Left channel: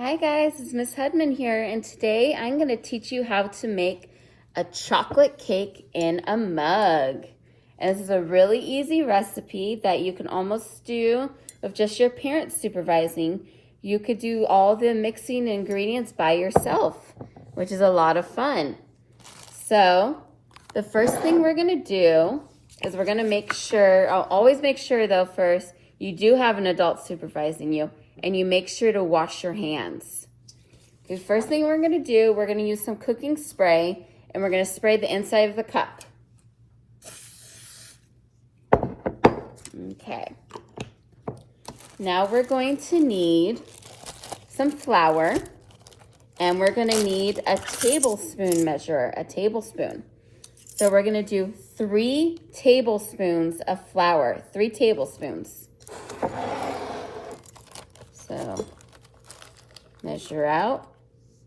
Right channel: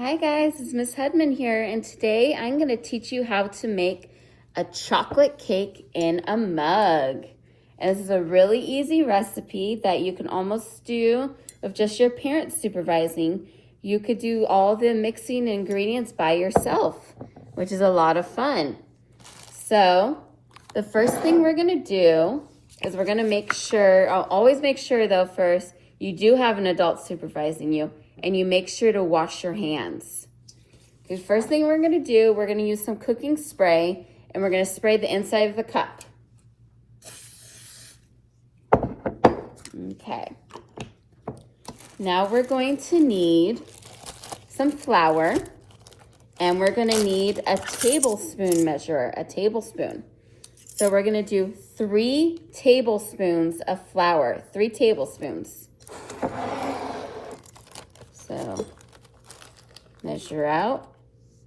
Hi guys, it's Miss Hedman here, and today I'm going to teach you how to make a chocolate cake in a mug. And this is a really easy recipe that you can almost do with just your parents supervising. You could do all the mixing ingredients by yourself, which is a lot of fun. So the first thing we're going to do is we're going to make sure, I'll always make sure though first, you do have an adult supervising you, and you make sure to wash your hands. The first thing we're going to do, we're going to use some cooking spray, and we're going to spray the inside of the cup. Okay. Now we're going to need some flour, and we're going to need a tablespoon measure, a tablespoon. So we're going to do 3 tablespoons of flour, 3 tablespoons. So measure out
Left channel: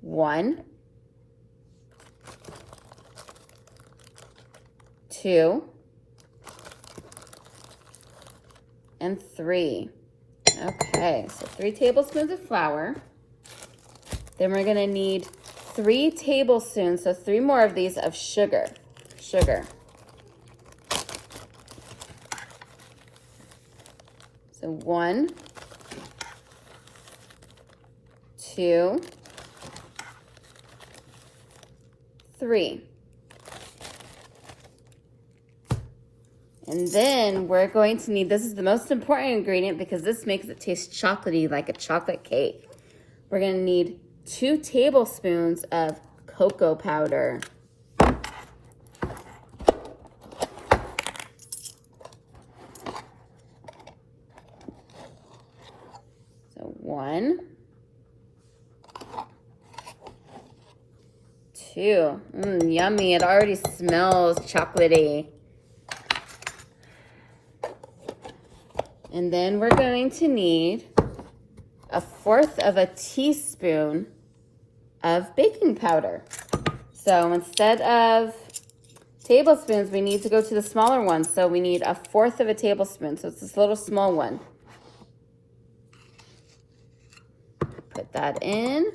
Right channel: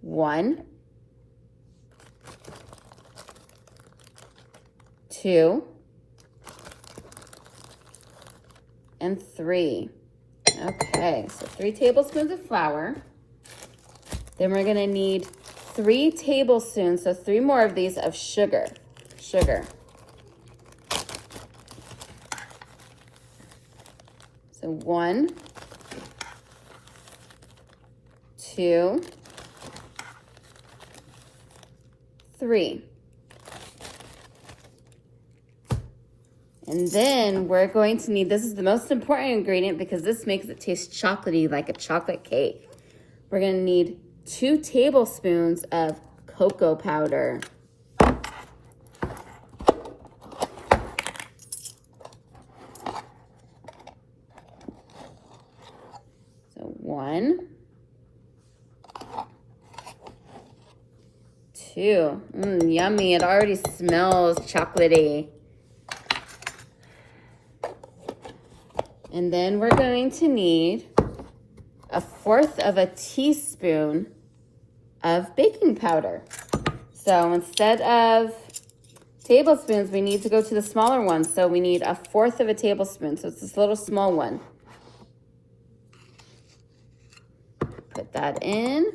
1, 2, and 3. Okay, so 3 tablespoons of flour. Then we're going to need 3 tablespoons, so 3 more of these of sugar. So 1, 2, 3. And then we're going to need, this is the most important ingredient because this makes it taste chocolatey like a chocolate cake. We're going to need 2 tablespoons of cocoa powder. So 1, 2. Yummy. It already smells chocolatey. And then we're going to need 1/4 of a teaspoon of baking powder. So instead of tablespoons, we need to go to the smaller one. So we need 1/4 of a tablespoon. So it's this little small one. Put that in.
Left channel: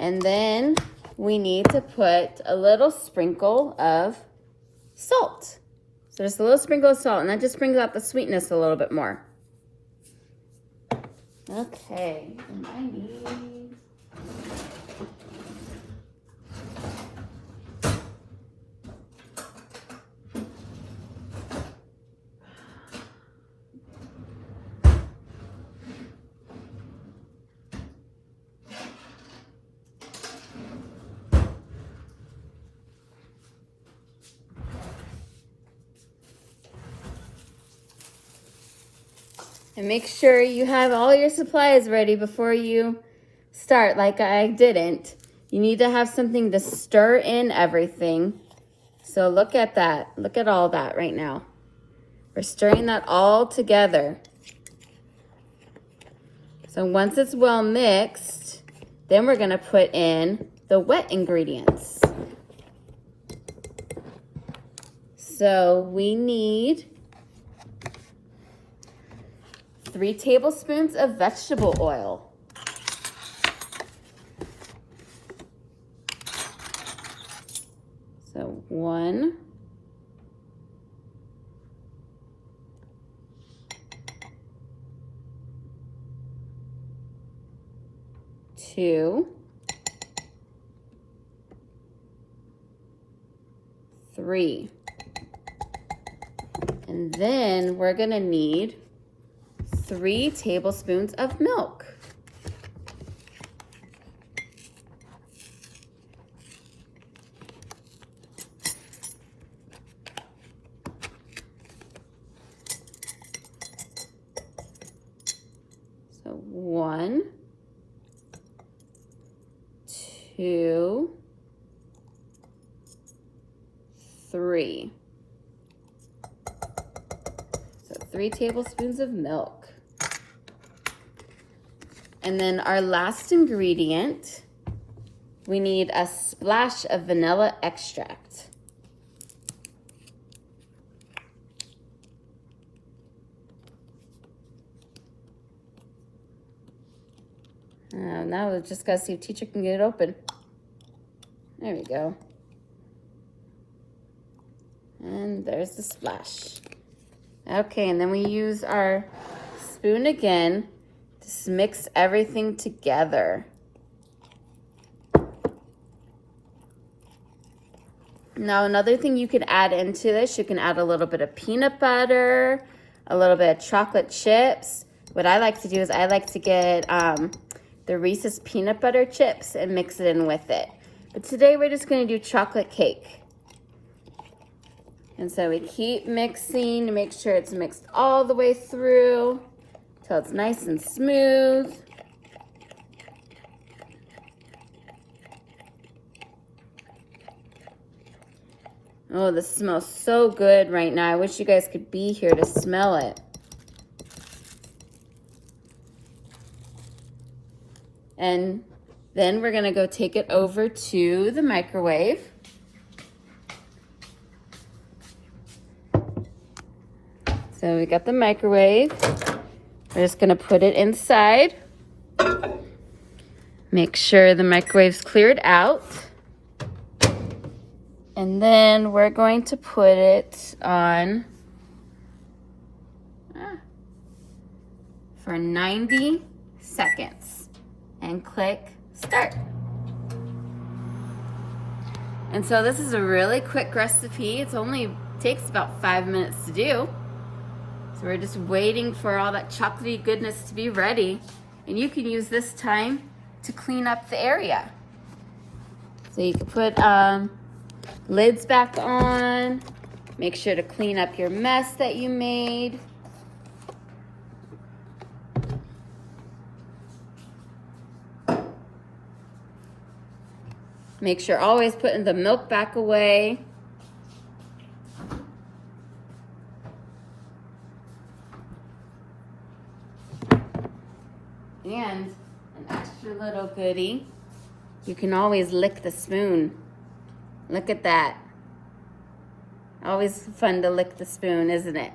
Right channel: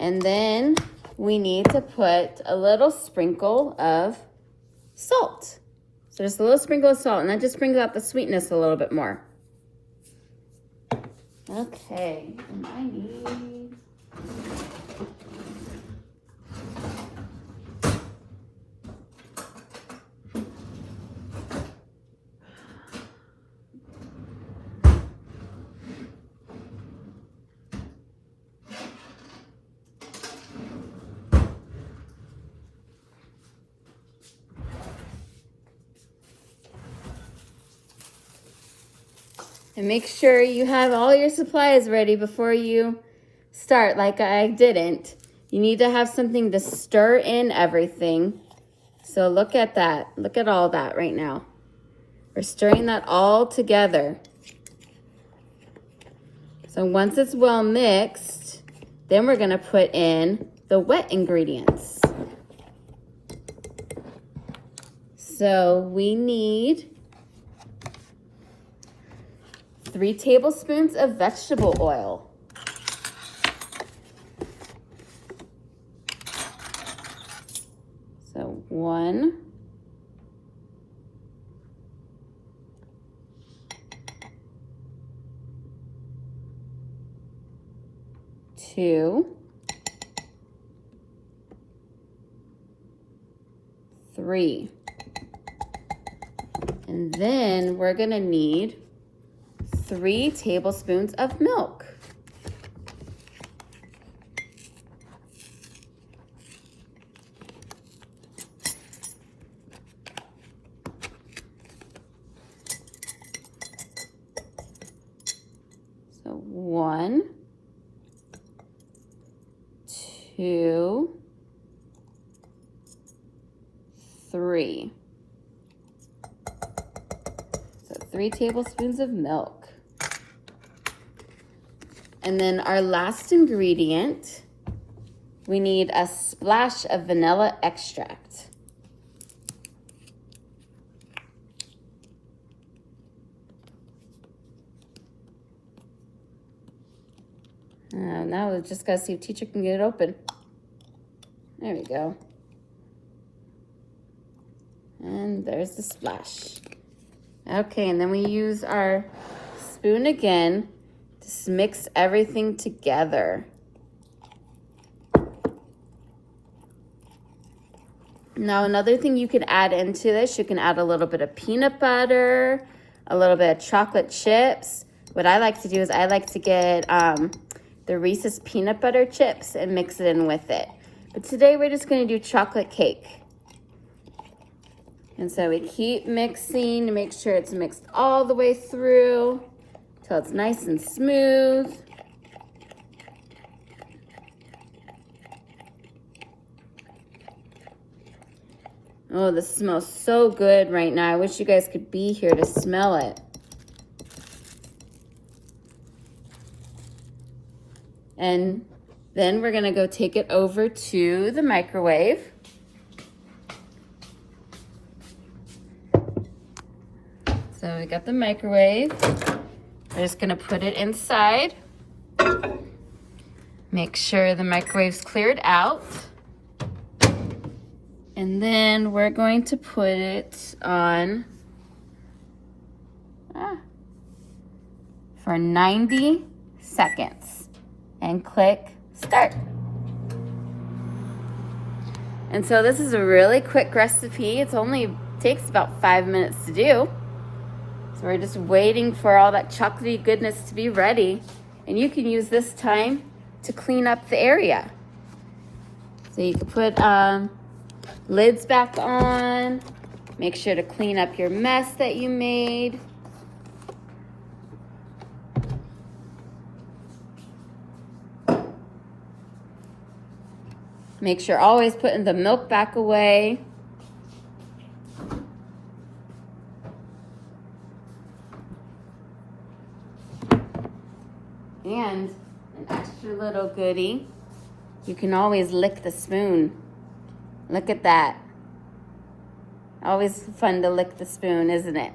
And then we need to put a little sprinkle of salt. So just a little sprinkle of salt, and that just brings out the sweetness a little bit more. Okay, and I need... And make sure you have all your supplies ready before you start, like I didn't. You need to have something to stir in everything. So look at that. Look at all that right now. We're stirring that all together. So once it's well mixed, then we're going to put in the wet ingredients. So we need 3 tablespoons of vegetable oil. So 1, 2, 3. And then we're going to need 3 tablespoons of milk. So 1, 2, 3. So 3 tablespoons of milk. And then our last ingredient, we need a splash of vanilla extract. Now we just gotta see if teacher can get it open. There we go. And there's the splash. Okay, and then we use our spoon again to mix everything together. Now, another thing you can add into this, you can add a little bit of peanut butter, a little bit of chocolate chips. What I like to do is I like to get the Reese's peanut butter chips and mix it in with it. But today we're just going to do chocolate cake. And so we keep mixing to make sure it's mixed all the way through till it's nice and smooth. Oh, this smells so good right now. I wish you guys could be here to smell it. And then we're gonna go take it over to the microwave. So we got the microwave. We're just gonna put it inside. Make sure the microwave's cleared out. And then we're going to put it on for 90 seconds and click start. And so this is a really quick recipe. It only takes about 5 minutes to do. So we're just waiting for all that chocolatey goodness to be ready. And you can use this time to clean up the area. So you can put lids back on. Make sure to clean up your mess that you made. Make sure always putting the milk back away. And an extra little goodie, you can always lick the spoon. Look at that. Always fun to lick the spoon, isn't it?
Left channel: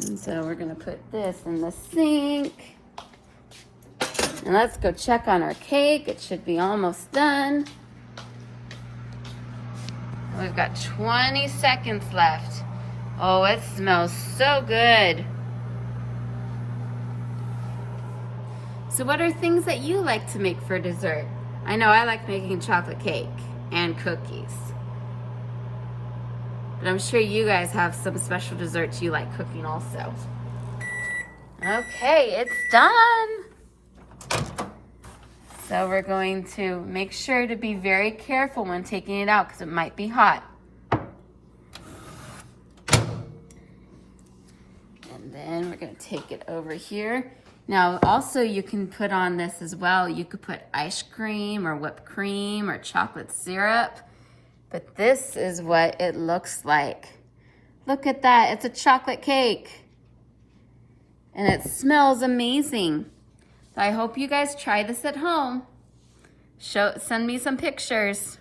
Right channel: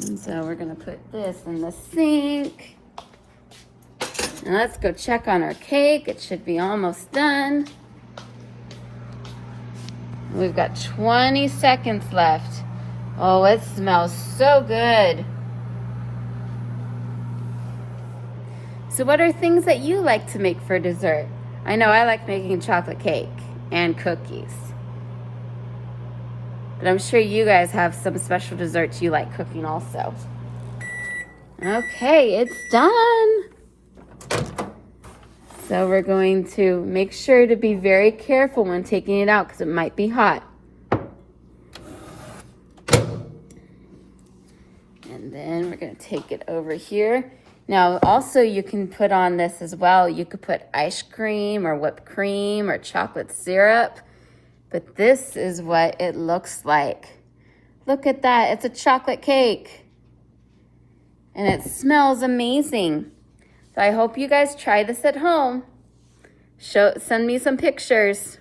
And so we're gonna put this in the sink. And let's go check on our cake. It should be almost done. We've got 20 seconds left. Oh, it smells so good. So what are things that you like to make for dessert? I know I like making chocolate cake and cookies. But I'm sure you guys have some special desserts you like cooking also. Okay, it's done. So we're going to make sure to be very careful when taking it out because it might be hot. And then we're going to take it over here. Now, also you can put on this as well. You could put ice cream or whipped cream or chocolate syrup. But this is what it looks like. Look at that. It's a chocolate cake. And it smells amazing. So I hope you guys try this at home. Send me some pictures.